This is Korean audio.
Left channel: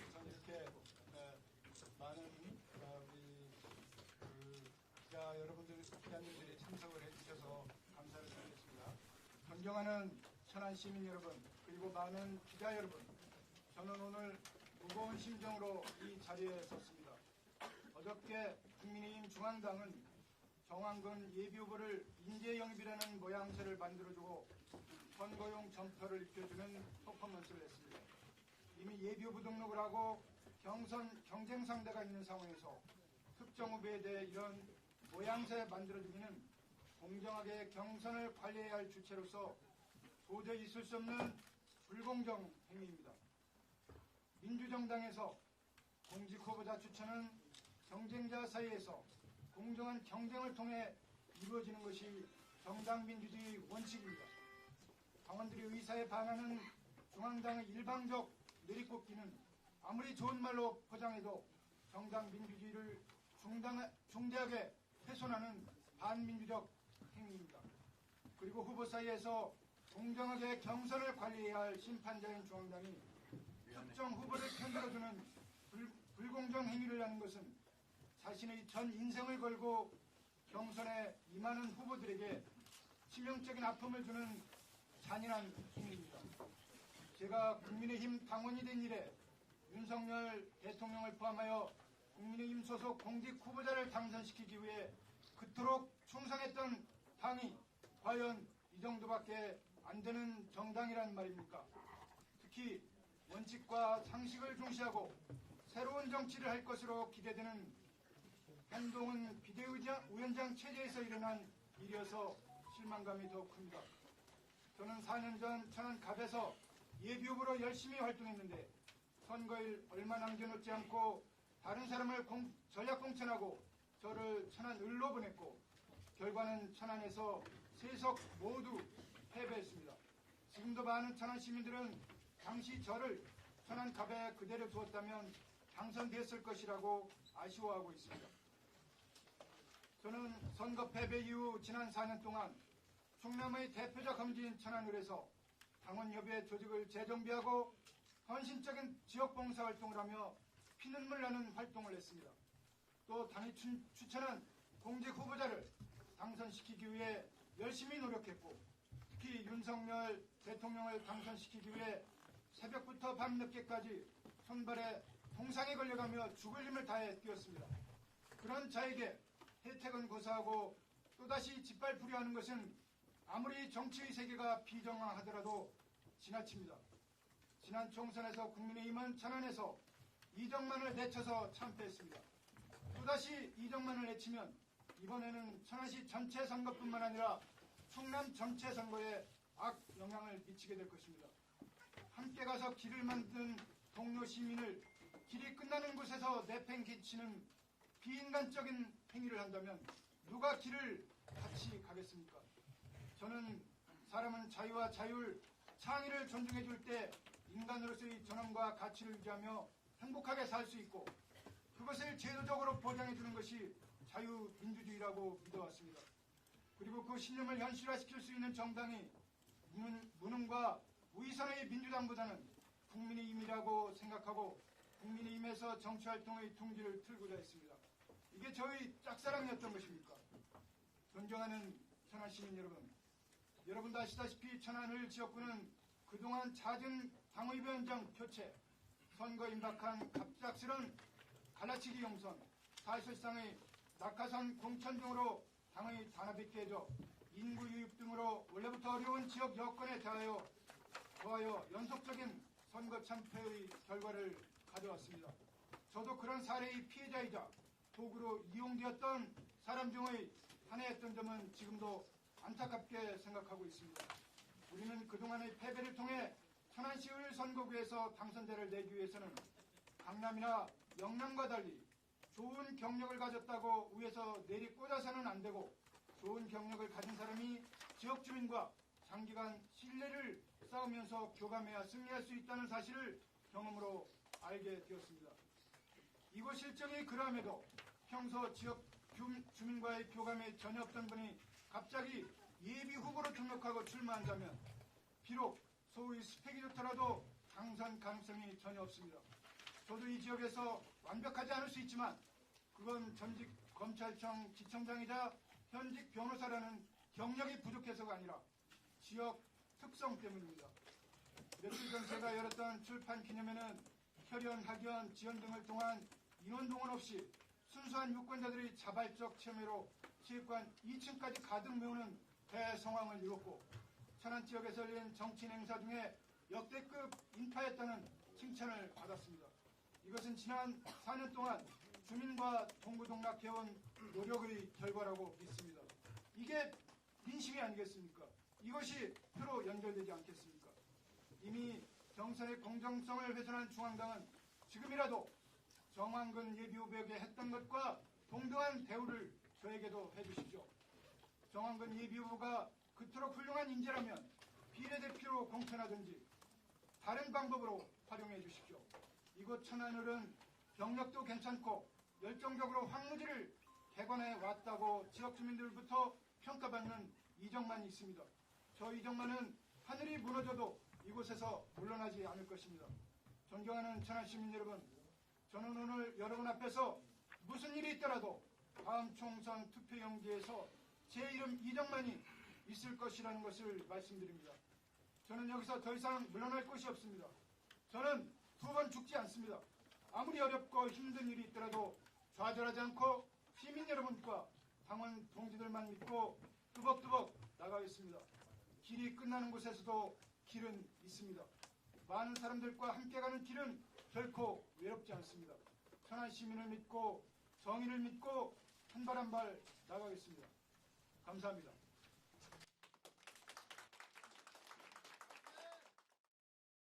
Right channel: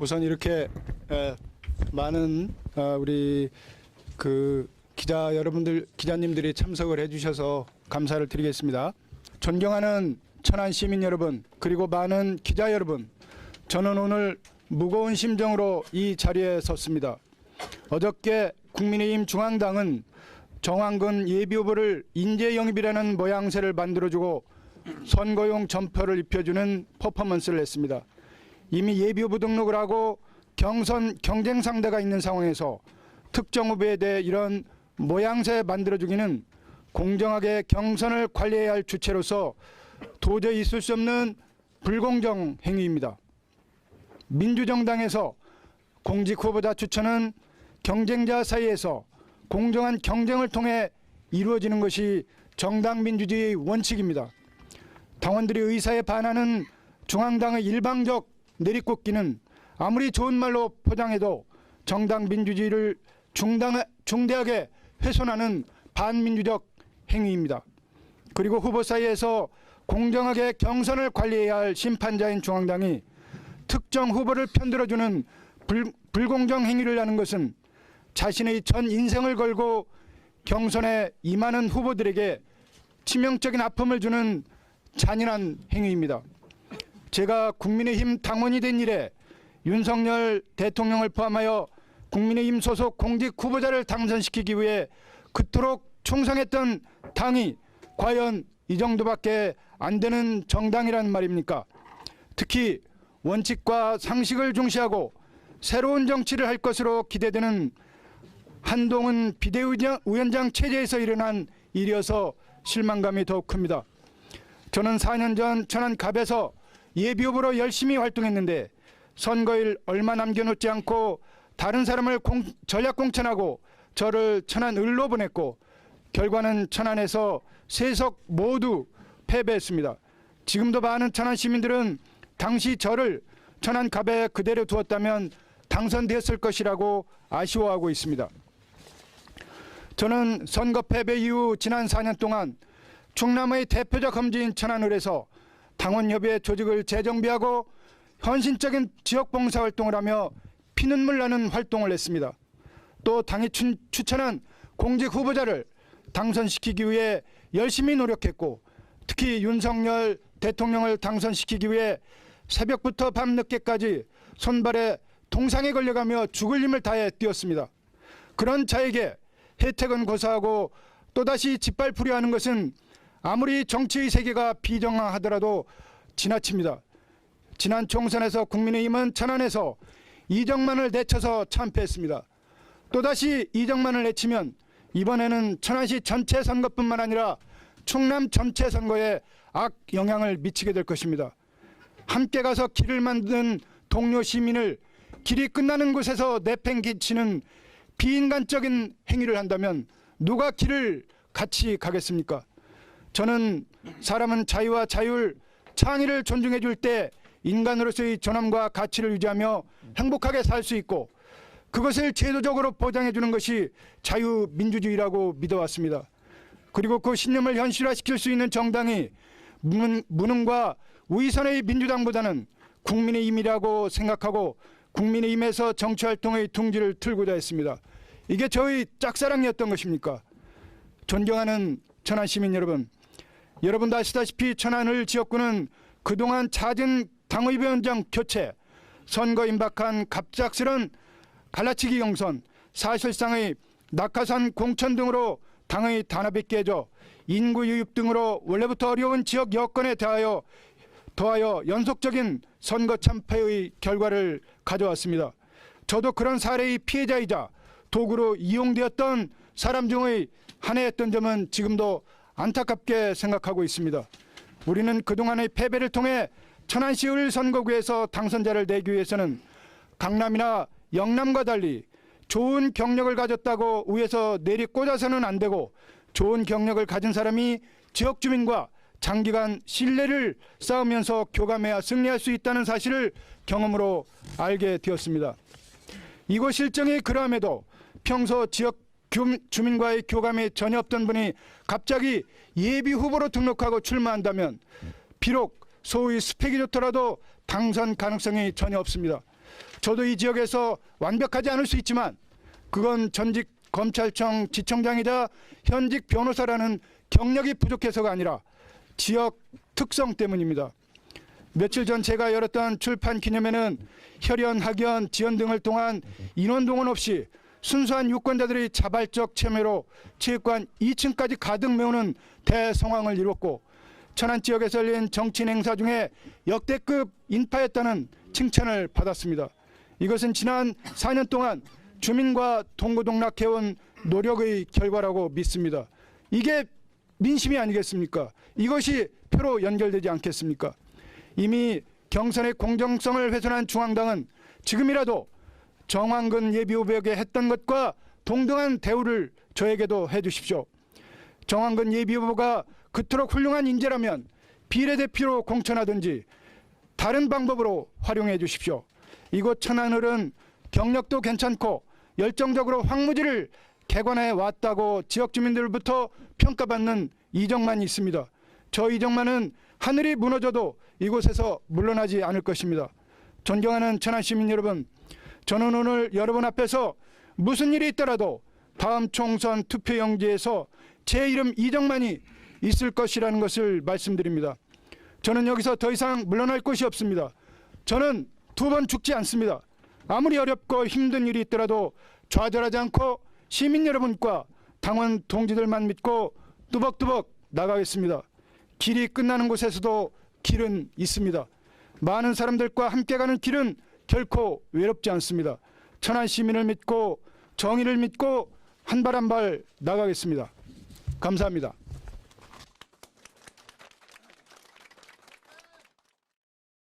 우선 이렇게 에, 많은 어, 우리 그 기자 여러분들 기자님들이 참석을 해주셔서 감사를 드리겠습니다. 존경하는 천안 시민 여러분 그리고 많은 기자 여러분, 저는 오늘 무거운 심정으로 이 자리에 섰습니다. 어저께 국민의힘 중앙당은 정황근 예비후보를 인재 영입이라는 모양새를 만들어주고 선거용 점퍼를 입혀주는 퍼포먼스를 했습니다. 이미 예비 후보 등록을 하고 경선 경쟁 상대가 있는 상황에서 특정 후보에 대해 이런 모양새 만들어주기는 공정하게 경선을 관리해야 할 주체로서 도저히 있을 수 없는 불공정 행위입니다. 민주정당에서 공직 후보자 추천은 경쟁자 사이에서 공정한 경쟁을 통해 이루어지는 것이 정당 민주주의의 원칙입니다. 당원들이 의사에 반하는 중앙당의 일방적 내리꽂기는 아무리 좋은 말로 포장해도 정당 민주주의를 중당, 중대하게 훼손하는 반민주적 행위입니다. 그리고 후보 사이에서 공정하게 경선을 관리해야 할 심판자인 중앙당이 특정 후보를 편들어주는 불, 불공정 행위를 하는 것은 자신의 전 인생을 걸고 경선에 임하는 후보들에게 치명적인 아픔을 주는 잔인한 행위입니다. 제가 국민의힘 당원이 된 이래 윤석열 대통령을 포함하여 국민의힘 소속 공직 후보자를 당선시키기 위해 그토록 충성했던 당이 과연 이 정도밖에 안 되는 정당이란 말입니까? 특히 원칙과 상식을 중시하고 새로운 정치를 할 것으로 기대되는 한동훈 비대위원장 체제에서 일어난 일이어서 실망감이 더욱 큽니다. 저는 4년 전 천안 갑에서 예비후보로 열심히 활동했는데 선거일 얼마 남겨놓지 않고 다른 사람을 공, 전략 공천하고 저를 천안 을로 보냈고 결과는 천안에서 세석 모두 패배했습니다. 지금도 많은 천안 시민들은 당시 저를 천안 갑에 그대로 두었다면 당선됐을 것이라고 아쉬워하고 있습니다. 저는 선거 패배 이후 지난 4년 동안 충남의 대표적 험지인 천안을에서 당원협의회 조직을 재정비하고 헌신적인 지역 봉사 활동을 하며 피눈물 나는 활동을 했습니다. 또 당이 추, 추천한 공직 후보자를 당선시키기 위해 열심히 노력했고 특히 윤석열 대통령을 당선시키기 위해 새벽부터 밤늦게까지 손발에 동상에 걸려가며 죽을 힘을 다해 뛰었습니다. 그런 자에게 혜택은 고사하고 또다시 짓밟으려 하는 것은 아무리 정치의 세계가 비정하하더라도 지나칩니다. 지난 총선에서 국민의힘은 천안에서 이정만을 내쳐서 참패했습니다. 또다시 이정만을 내치면 이번에는 천안시 전체 선거뿐만 아니라 충남 전체 선거에 악 영향을 미치게 될 것입니다. 함께 가서 길을 만든 동료 시민을 길이 끝나는 곳에서 내팽개치는 비인간적인 행위를 한다면 누가 길을 같이 가겠습니까? 저는 사람은 자유와 자율, 창의를 존중해 줄 때 인간으로서의 존엄과 가치를 유지하며 행복하게 살 수 있고 그것을 제도적으로 보장해 주는 것이 자유민주주의라고 믿어왔습니다. 그리고 그 신념을 현실화시킬 수 있는 정당이 무능, 무능과 위선의 민주당보다는 국민의힘이라고 생각하고 국민의힘에서 정치활동의 둥지를 틀고자 했습니다. 이게 저희 짝사랑이었던 것입니까? 존경하는 천안 시민 여러분, 여러분도 아시다시피 천안을 지역구는 그동안 잦은 당의위원장 교체, 선거 임박한 갑작스런 갈라치기 경선, 사실상의 낙하산 공천 등으로 당의 단합이 깨져 인구 유입 등으로 원래부터 어려운 지역 여건에 대하여 더하여 연속적인 선거 참패의 결과를 가져왔습니다. 저도 그런 사례의 피해자이자 도구로 이용되었던 사람 중의 하나였던 점은 지금도 안타깝게 생각하고 있습니다. 우리는 그동안의 패배를 통해 천안시 을 선거구에서 당선자를 내기 위해서는 강남이나 영남과 달리 좋은 경력을 가졌다고 위에서 내리 꽂아서는 안 되고 좋은 경력을 가진 사람이 지역 주민과 장기간 신뢰를 쌓으면서 교감해야 승리할 수 있다는 사실을 경험으로 알게 되었습니다. 이곳 실정이 그러함에도 평소 지역 교- 주민과의 교감이 전혀 없던 분이 갑자기 예비 후보로 등록하고 출마한다면 비록 소위 스펙이 좋더라도 당선 가능성이 전혀 없습니다. 저도 이 지역에서 완벽하지 않을 수 있지만 그건 전직 검찰청 지청장이자 현직 변호사라는 경력이 부족해서가 아니라 지역 특성 때문입니다. 며칠 전 제가 열었던 출판 기념회는 혈연, 학연, 지연 등을 통한 인원 동원 없이 순수한 유권자들의 자발적 참여로 체육관 2층까지 가득 메우는 대성황을 이뤘고 천안 지역에서 열린 정치인 행사 중에 역대급 인파였다는 칭찬을 받았습니다. 이것은 지난 4년 동안 주민과 동고동락해온 노력의 결과라고 믿습니다. 이게 민심이 아니겠습니까? 이것이 표로 연결되지 않겠습니까? 이미 경선의 공정성을 훼손한 중앙당은 지금이라도 정황근 예비후보에게 했던 것과 동등한 대우를 저에게도 해주십시오. 정황근 예비후보가 그토록 훌륭한 인재라면 비례대표로 공천하든지 다른 방법으로 활용해 주십시오. 이곳 천안을은 경력도 괜찮고 열정적으로 황무지를 개관해 왔다고 지역 주민들부터 평가받는 이정만이 있습니다. 저 이정만은 하늘이 무너져도 이곳에서 물러나지 않을 것입니다. 존경하는 천안 시민 여러분, 저는 오늘 여러분 앞에서 무슨 일이 있더라도 다음 총선 투표용지에서 제 이름 이정만이 있을 것이라는 것을 말씀드립니다. 저는 여기서 더 이상 물러날 곳이 없습니다. 저는 두 번 죽지 않습니다. 아무리 어렵고 힘든 일이 있더라도 좌절하지 않고 시민 여러분과 당원 동지들만 믿고 뚜벅뚜벅 나가겠습니다. 길이 끝나는 곳에서도 길은 있습니다. 많은 사람들과 함께 가는 길은 결코 외롭지 않습니다. 천안 시민을 믿고 정의를 믿고 한 발 한 발 나가겠습니다. 감사합니다.